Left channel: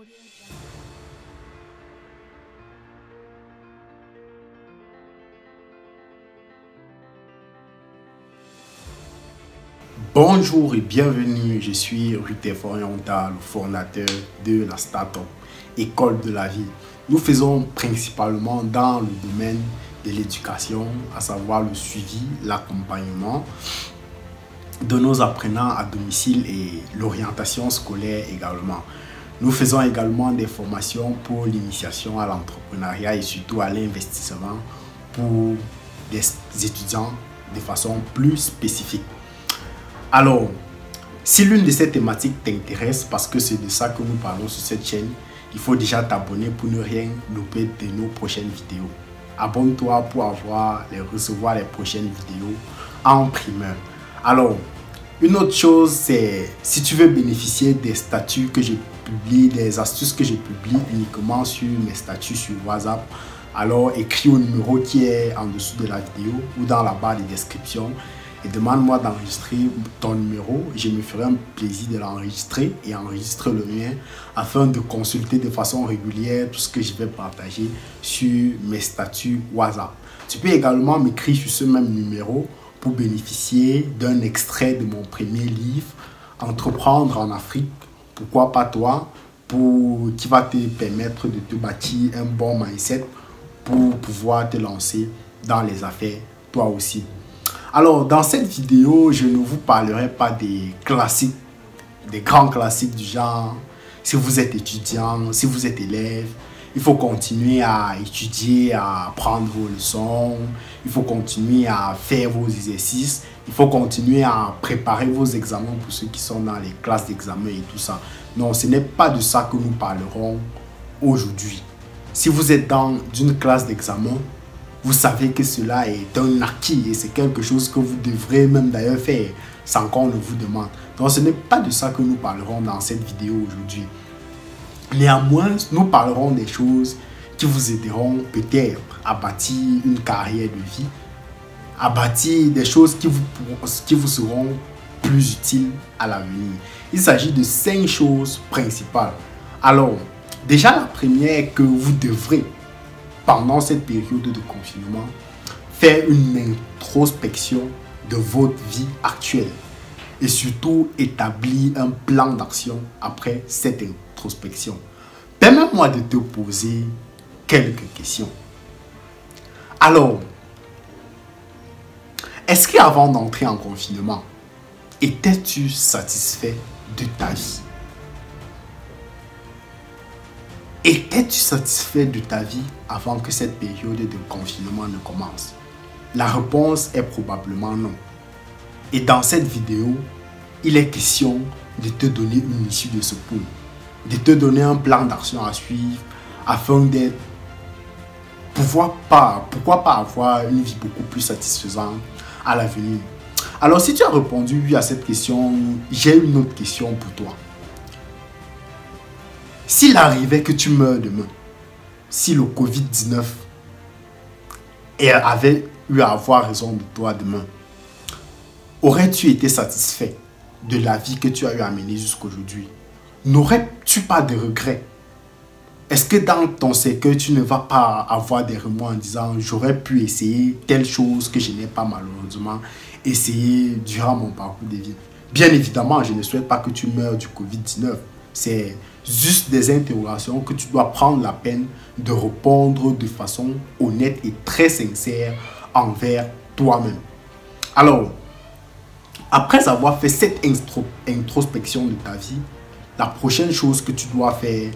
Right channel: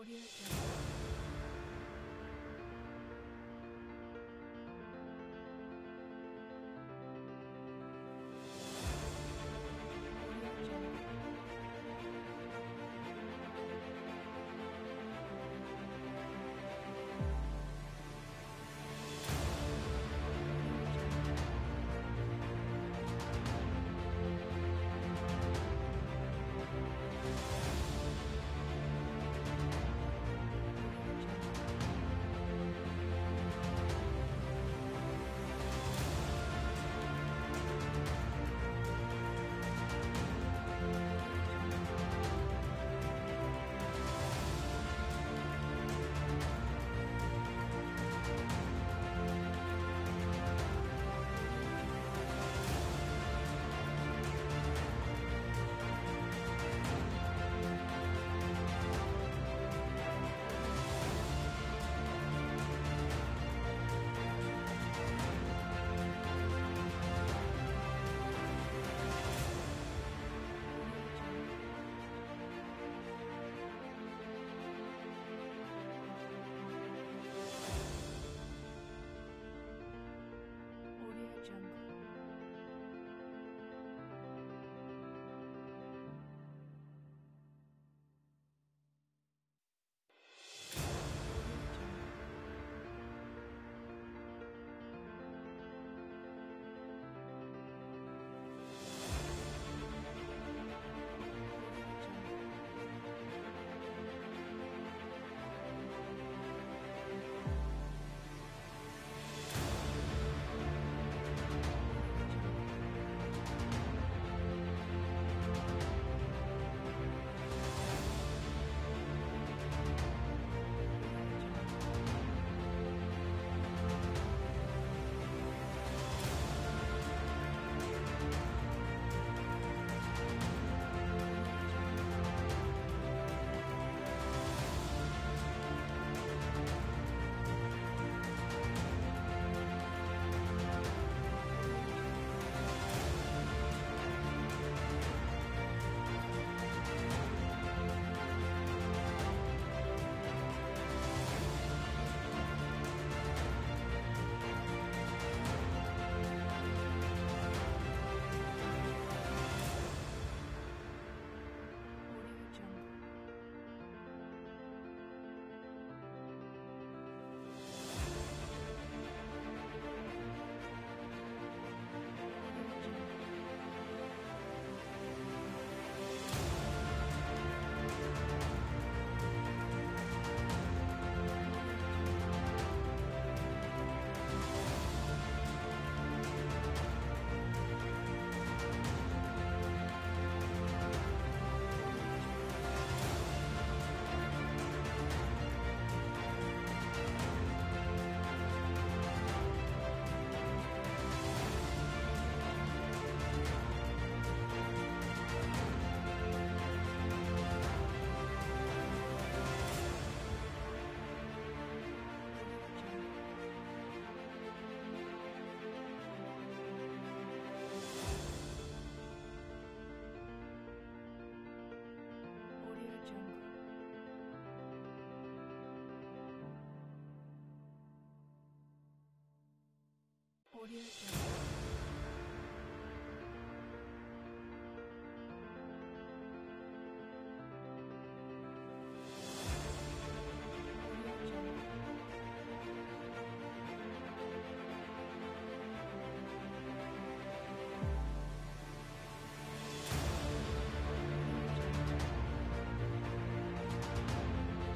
Audio Jungle. Bonjour et bienvenue, je suis Rutef Oriental, le fondateur de la start-up École de la vie. Nous faisons principalement dans le domaine de l'éducation, à savoir le suivi, l'accompagnement de nos apprenants à domicile et l'orientation scolaire également. Nous faisons également des formations pour l'initiation à l'entrepreneuriat et surtout à l'investissement pour des étudiants de façon plus spécifique. Alors, si l'une de ces thématiques t'intéresse, parce que c'est de ça que nous parlons sur cette chaîne, il faut déjà t'abonner pour ne rien louper de nos prochaines vidéos. Abonne-toi pour recevoir les prochaines vidéos en primeur. Alors, une autre chose, c'est si tu veux bénéficier des statuts que je publie, des astuces que je publie uniquement sur mes statuts sur WhatsApp, alors écris au numéro qui est en dessous de la vidéo ou dans la barre de description et demande-moi d'enregistrer ton numéro. Je me ferai un plaisir de l'enregistrer et enregistrer le mien afin de consulter de façon régulière tout ce que je vais partager sur mes statuts WhatsApp. Tu peux également m'écrire sur ce même numéro pour bénéficier d'un extrait de mon premier livre, Entreprendre en Afrique, pourquoi pas toi, qui va te permettre de te bâtir un bon mindset pour pouvoir te lancer dans les affaires toi aussi. Alors, dans cette vidéo, je ne vous parlerai pas des classiques, des grands classiques du genre, si vous êtes étudiant, si vous êtes élève, il faut continuer à étudier, à apprendre vos leçons, il faut continuer à faire vos exercices, il faut continuer à préparer vos examens pour ceux qui sont dans les classes d'examen et tout ça. Non, ce n'est pas de ça que nous parlerons aujourd'hui. Si vous êtes dans une classe d'examen, vous savez que cela est un acquis et c'est quelque chose que vous devrez même d'ailleurs faire sans qu'on ne vous demande. Donc ce n'est pas de ça que nous parlerons dans cette vidéo aujourd'hui. Néanmoins, nous parlerons des choses qui vous aideront peut-être à bâtir une carrière de vie, à bâtir des choses qui vous seront plus utiles à l'avenir. Il s'agit de 5 choses principales. Alors, déjà la première est que vous devrez, pendant cette période de confinement, faire une introspection de votre vie actuelle et surtout établir un plan d'action après cette introspection. Permets-moi de te poser quelques questions. Alors, est-ce qu'avant d'entrer en confinement, étais-tu satisfait de ta vie? Étais-tu satisfait de ta vie avant que cette période de confinement ne commence? La réponse est probablement non. Et dans cette vidéo, il est question de te donner une issue de secours, de te donner un plan d'action à suivre afin de pourquoi pas avoir une vie beaucoup plus satisfaisante à l'avenir. Alors si tu as répondu oui à cette question, j'ai une autre question pour toi. S'il arrivait que tu meurs demain, si le Covid-19 avait eu à avoir raison de toi demain, aurais-tu été satisfait de la vie que tu as eu à mener jusqu'aujourd'hui? N'aurais-tu pas de regrets? Est-ce que dans ton cercueil, tu ne vas pas avoir des remords en disant « j'aurais pu essayer telle chose que je n'ai pas malheureusement essayé durant mon parcours de vie ». Bien évidemment, je ne souhaite pas que tu meurs du Covid-19. C'est juste des interrogations que tu dois prendre la peine de répondre de façon honnête et très sincère envers toi-même. Alors, après avoir fait cette introspection de ta vie, la prochaine chose que tu dois faire,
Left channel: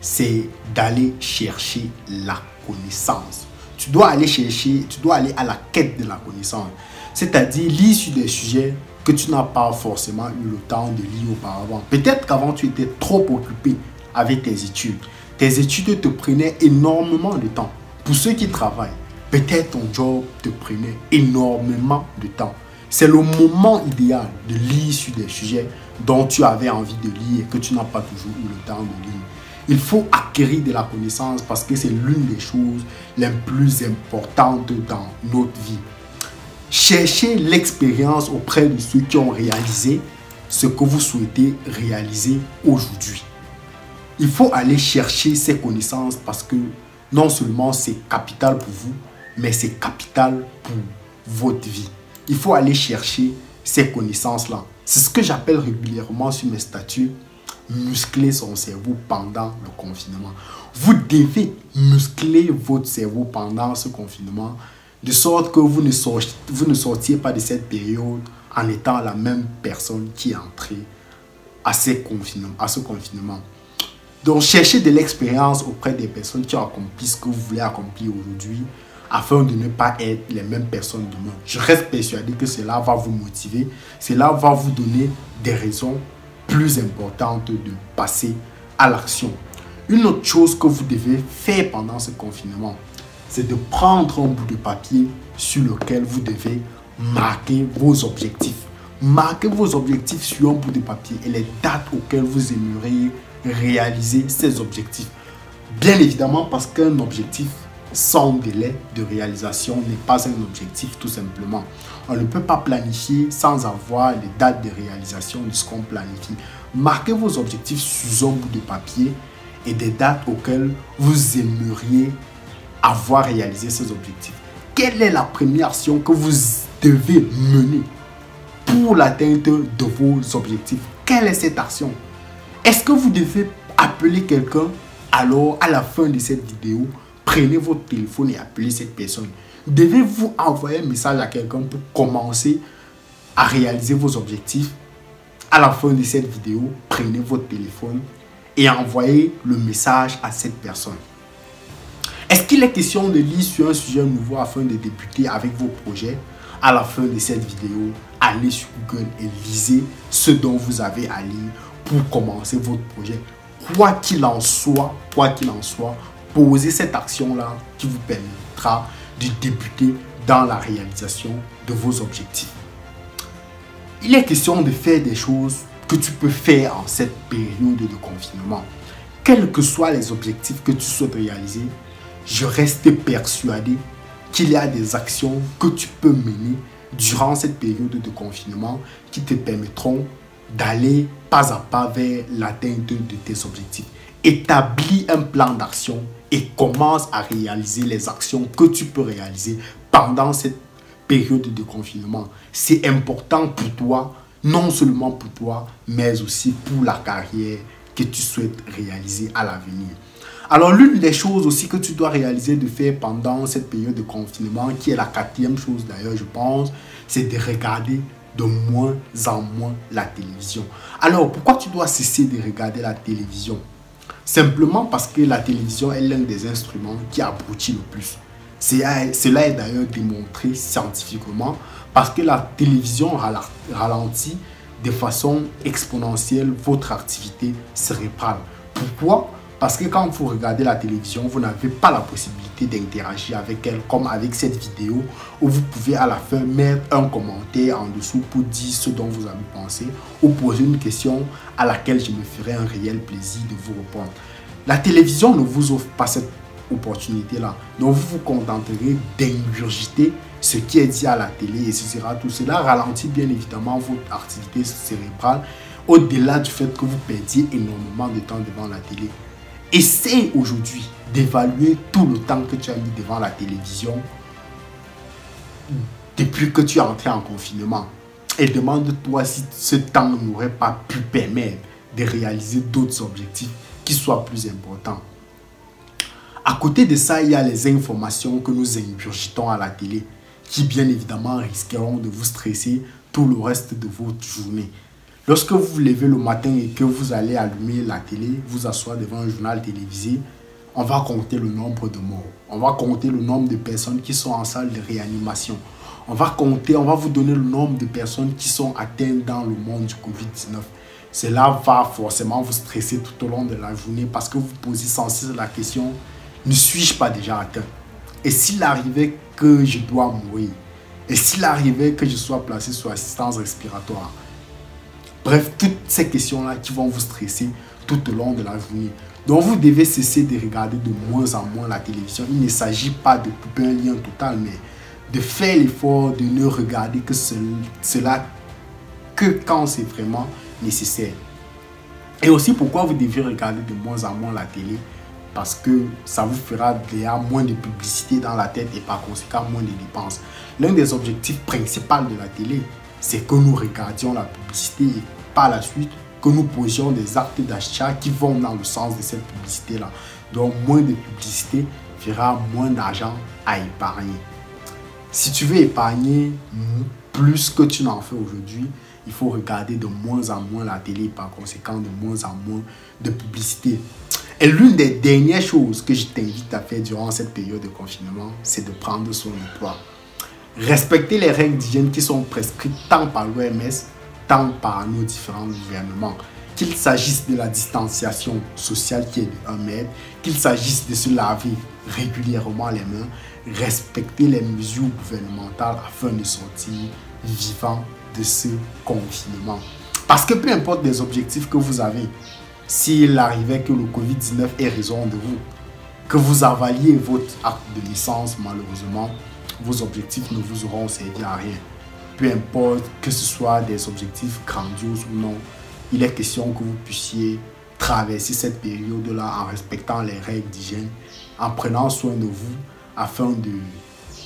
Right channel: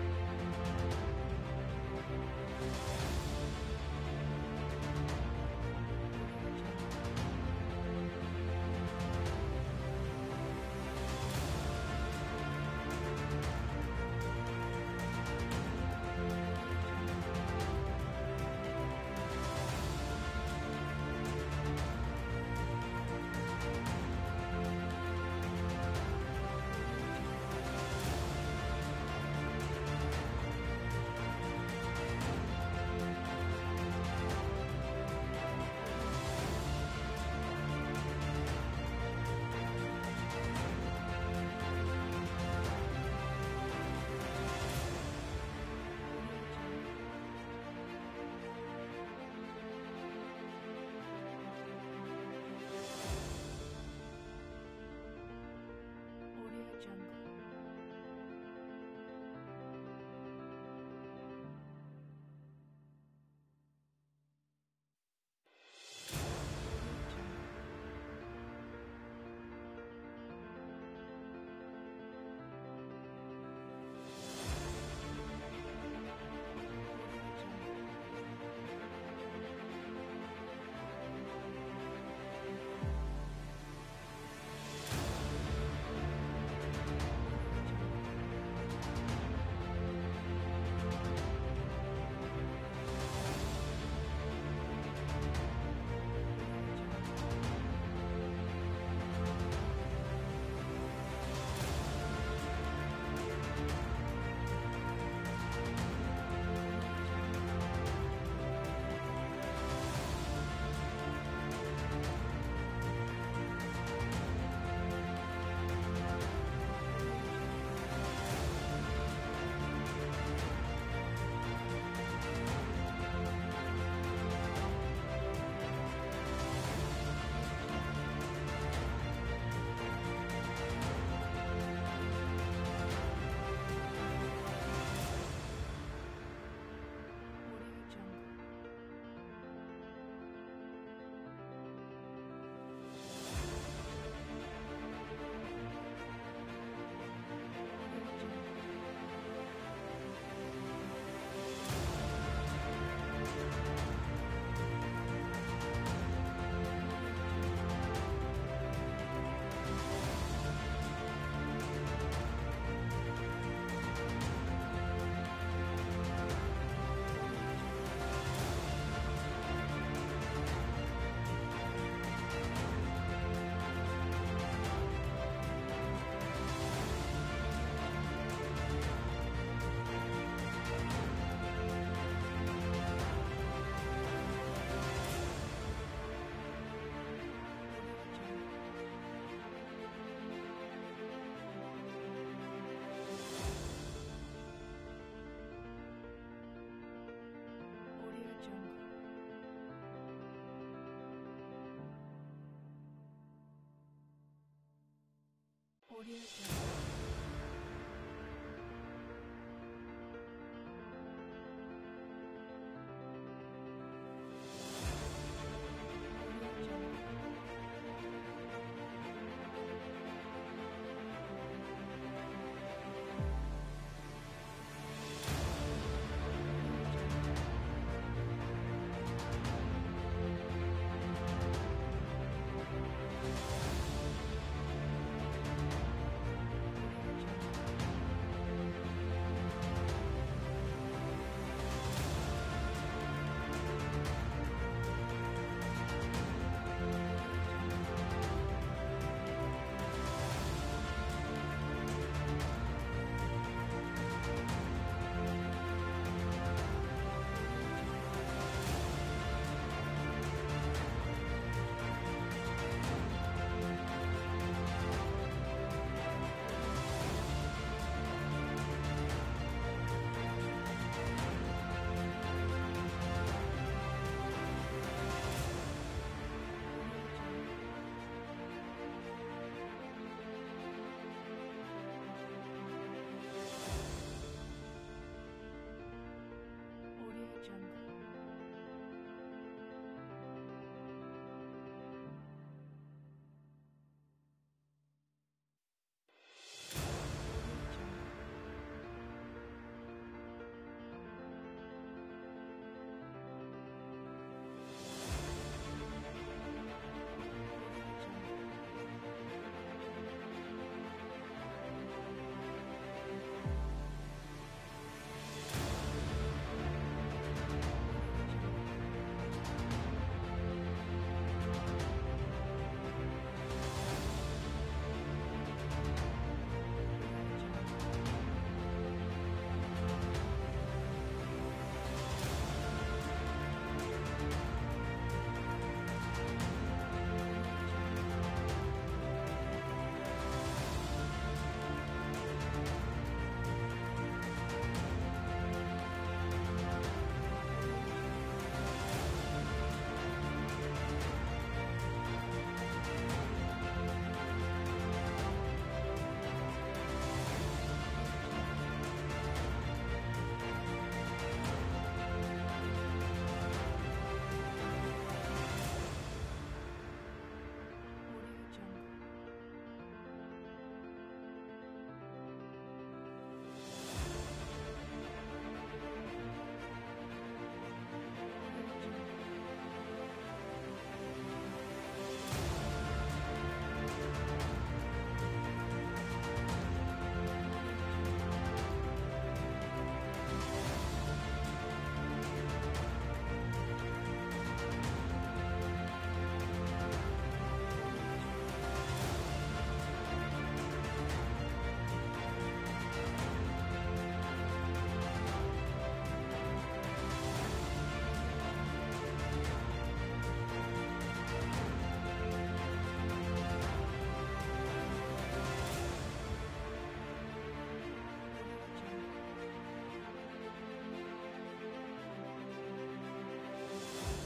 c'est d'aller chercher la connaissance. Tu dois aller à la quête de la connaissance. C'est-à-dire lire sur des sujets que tu n'as pas forcément eu le temps de lire auparavant. Peut-être qu'avant tu étais trop occupé avec tes études. Tes études te prenaient énormément de temps. Pour ceux qui travaillent, peut-être ton job te prenait énormément de temps. C'est le moment idéal de lire sur des sujets dont tu avais envie de lire et que tu n'as pas toujours eu le temps de lire. Il faut acquérir de la connaissance parce que c'est l'une des choses les plus importantes dans notre vie. Cherchez l'expérience auprès de ceux qui ont réalisé ce que vous souhaitez réaliser aujourd'hui. Il faut aller chercher ces connaissances parce que non seulement c'est capital pour vous, mais c'est capital pour votre vie. Il faut aller chercher ces connaissances-là. C'est ce que j'appelle régulièrement sur mes statuts, muscler son cerveau pendant le confinement. Vous devez muscler votre cerveau pendant ce confinement, de sorte que vous ne sortiez pas de cette période en étant la même personne qui est entrée à ce confinement. Donc, cherchez de l'expérience auprès des personnes qui ont accompli ce que vous voulez accomplir aujourd'hui, afin de ne pas être les mêmes personnes demain. Je reste persuadé que cela va vous motiver, cela va vous donner des raisons plus importantes de passer à l'action. Une autre chose que vous devez faire pendant ce confinement, c'est de prendre un bout de papier sur lequel vous devez marquer vos objectifs. Marquez vos objectifs sur un bout de papier et les dates auxquelles vous aimeriez réaliser ces objectifs. Bien évidemment, parce qu'un objectif sans délai de réalisation n'est pas un objectif tout simplement. On ne peut pas planifier sans avoir les dates de réalisation de ce qu'on planifie. Marquez vos objectifs sur un bout de papier et des dates auxquelles vous aimeriez avoir réalisé ces objectifs. Quelle est la première action que vous devez mener pour l'atteinte de vos objectifs? Quelle est cette action? Est-ce que vous devez appeler quelqu'un? Alors, à la fin de cette vidéo, prenez votre téléphone et appelez cette personne. Devez-vous envoyer un message à quelqu'un pour commencer à réaliser vos objectifs? À la fin de cette vidéo, prenez votre téléphone et envoyez le message à cette personne. Est-ce qu'il est question de lire sur un sujet nouveau afin de débuter avec vos projets? À la fin de cette vidéo, allez sur Google et lisez ce dont vous avez à lire pour commencer votre projet. Quoi qu'il en soit, posez cette action-là qui vous permettra de débuter dans la réalisation de vos objectifs. Il est question de faire des choses que tu peux faire en cette période de confinement. Quels que soient les objectifs que tu souhaites réaliser, je reste persuadé qu'il y a des actions que tu peux mener durant cette période de confinement qui te permettront d'aller pas à pas vers l'atteinte de tes objectifs. Établis un plan d'action et commence à réaliser les actions que tu peux réaliser pendant cette période de confinement. C'est important pour toi, non seulement pour toi, mais aussi pour la carrière que tu souhaites réaliser à l'avenir. Alors, l'une des choses aussi que tu dois réaliser de faire pendant cette période de confinement, qui est la quatrième chose d'ailleurs, je pense, c'est de regarder de moins en moins la télévision. Alors, pourquoi tu dois cesser de regarder la télévision? Simplement parce que la télévision est l'un des instruments qui abrutit le plus. Cela est d'ailleurs démontré scientifiquement parce que la télévision ralentit de façon exponentielle votre activité cérébrale. Pourquoi? Parce que quand vous regardez la télévision, vous n'avez pas la possibilité d'interagir avec elle comme avec cette vidéo où vous pouvez à la fin mettre un commentaire en dessous pour dire ce dont vous avez pensé ou poser une question à laquelle je me ferai un réel plaisir de vous répondre. La télévision ne vous offre pas cette opportunité-là. Donc vous vous contenterez d'ingurgiter ce qui est dit à la télé et ce sera tout. Cela ralentit bien évidemment votre activité cérébrale au-delà du fait que vous perdiez énormément de temps devant la télé. Essaye aujourd'hui d'évaluer tout le temps que tu as mis devant la télévision depuis que tu es entré en confinement. Et demande-toi si ce temps n'aurait pas pu permettre de réaliser d'autres objectifs qui soient plus importants. À côté de ça, il y a les informations que nous ingurgitons à la télé qui bien évidemment risqueront de vous stresser tout le reste de votre journée. Lorsque vous vous levez le matin et que vous allez allumer la télé, vous asseoir devant un journal télévisé, on va compter le nombre de morts. On va compter le nombre de personnes qui sont en salle de réanimation. On va vous donner le nombre de personnes qui sont atteintes dans le monde du Covid-19. Cela va forcément vous stresser tout au long de la journée parce que vous posez sans cesse la question, ne suis-je pas déjà atteint? Et s'il arrivait que je dois mourir? Et s'il arrivait que je sois placé sous assistance respiratoire? Bref, toutes ces questions-là qui vont vous stresser tout au long de la journée. Donc, vous devez cesser de regarder de moins en moins la télévision. Il ne s'agit pas de couper un lien total, mais de faire l'effort de ne regarder que cela que quand c'est vraiment nécessaire. Et aussi pourquoi vous devez regarder de moins en moins la télé, parce que ça vous fera déjà moins de publicité dans la tête et par conséquent moins de dépenses. L'un des objectifs principaux de la télé, c'est que nous regardions la publicité et par la suite que nous posions des actes d'achat qui vont dans le sens de cette publicité-là. Donc moins de publicité fera moins d'argent à épargner. Si tu veux épargner plus que tu n'en fais aujourd'hui, il faut regarder de moins en moins la télé, par conséquent de moins en moins de publicité. Et l'une des dernières choses que je t'invite à faire durant cette période de confinement, c'est de prendre soin de toi. Respecter les règles d'hygiène qui sont prescrites tant par l'OMS, tant par nos différents gouvernements. Qu'il s'agisse de la distanciation sociale qui est de 1 mètre, qu'il s'agisse de se laver régulièrement les mains, respecter les mesures gouvernementales afin de sortir vivant de ce confinement. Parce que peu importe les objectifs que vous avez, s'il arrivait que le Covid-19 ait raison de vous, que vous avaliez votre acte de naissance, malheureusement, vos objectifs ne vous auront servi à rien. Peu importe que ce soit des objectifs grandioses ou non, il est question que vous puissiez traverser cette période-là en respectant les règles d'hygiène, en prenant soin de vous afin de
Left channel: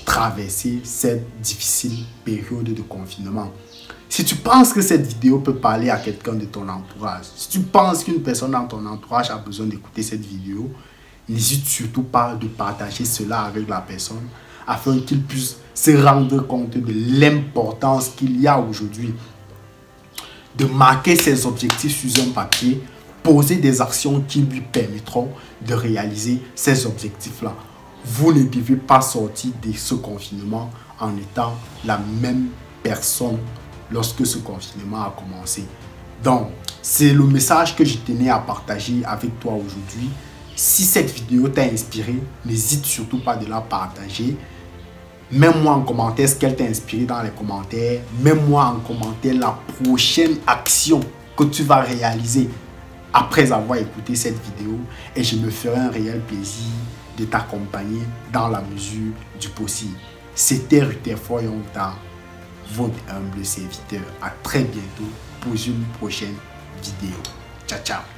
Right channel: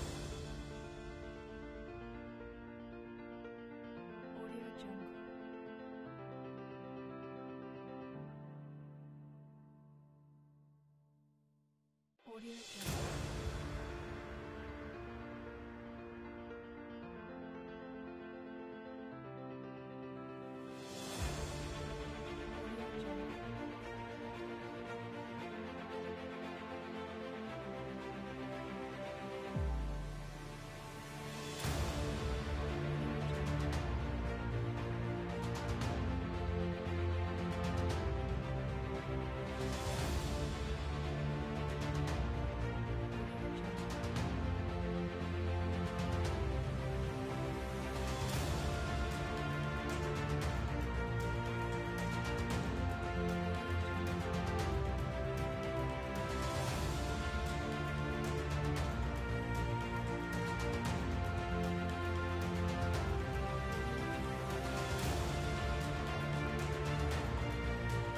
traverser cette difficile période de confinement. Si tu penses que cette vidéo peut parler à quelqu'un de ton entourage, si tu penses qu'une personne dans ton entourage a besoin d'écouter cette vidéo, n'hésite surtout pas de partager cela avec la personne afin qu'il puisse se rendre compte de l'importance qu'il y a aujourd'hui de marquer ses objectifs sur un papier, poser des actions qui lui permettront de réaliser ces objectifs-là. Vous ne devez pas sortir de ce confinement en étant la même personne lorsque ce confinement a commencé. Donc, c'est le message que je tenais à partager avec toi aujourd'hui. Si cette vidéo t'a inspiré, n'hésite surtout pas de la partager. Mets-moi en commentaire ce qu'elle t'a inspiré dans les commentaires. Mets-moi en commentaire la prochaine action que tu vas réaliser après avoir écouté cette vidéo. Et je me ferai un réel plaisir de t'accompagner dans la mesure du possible. C'était Rutherford Yongta, votre humble serviteur. À très bientôt pour une prochaine vidéo. Ciao, ciao.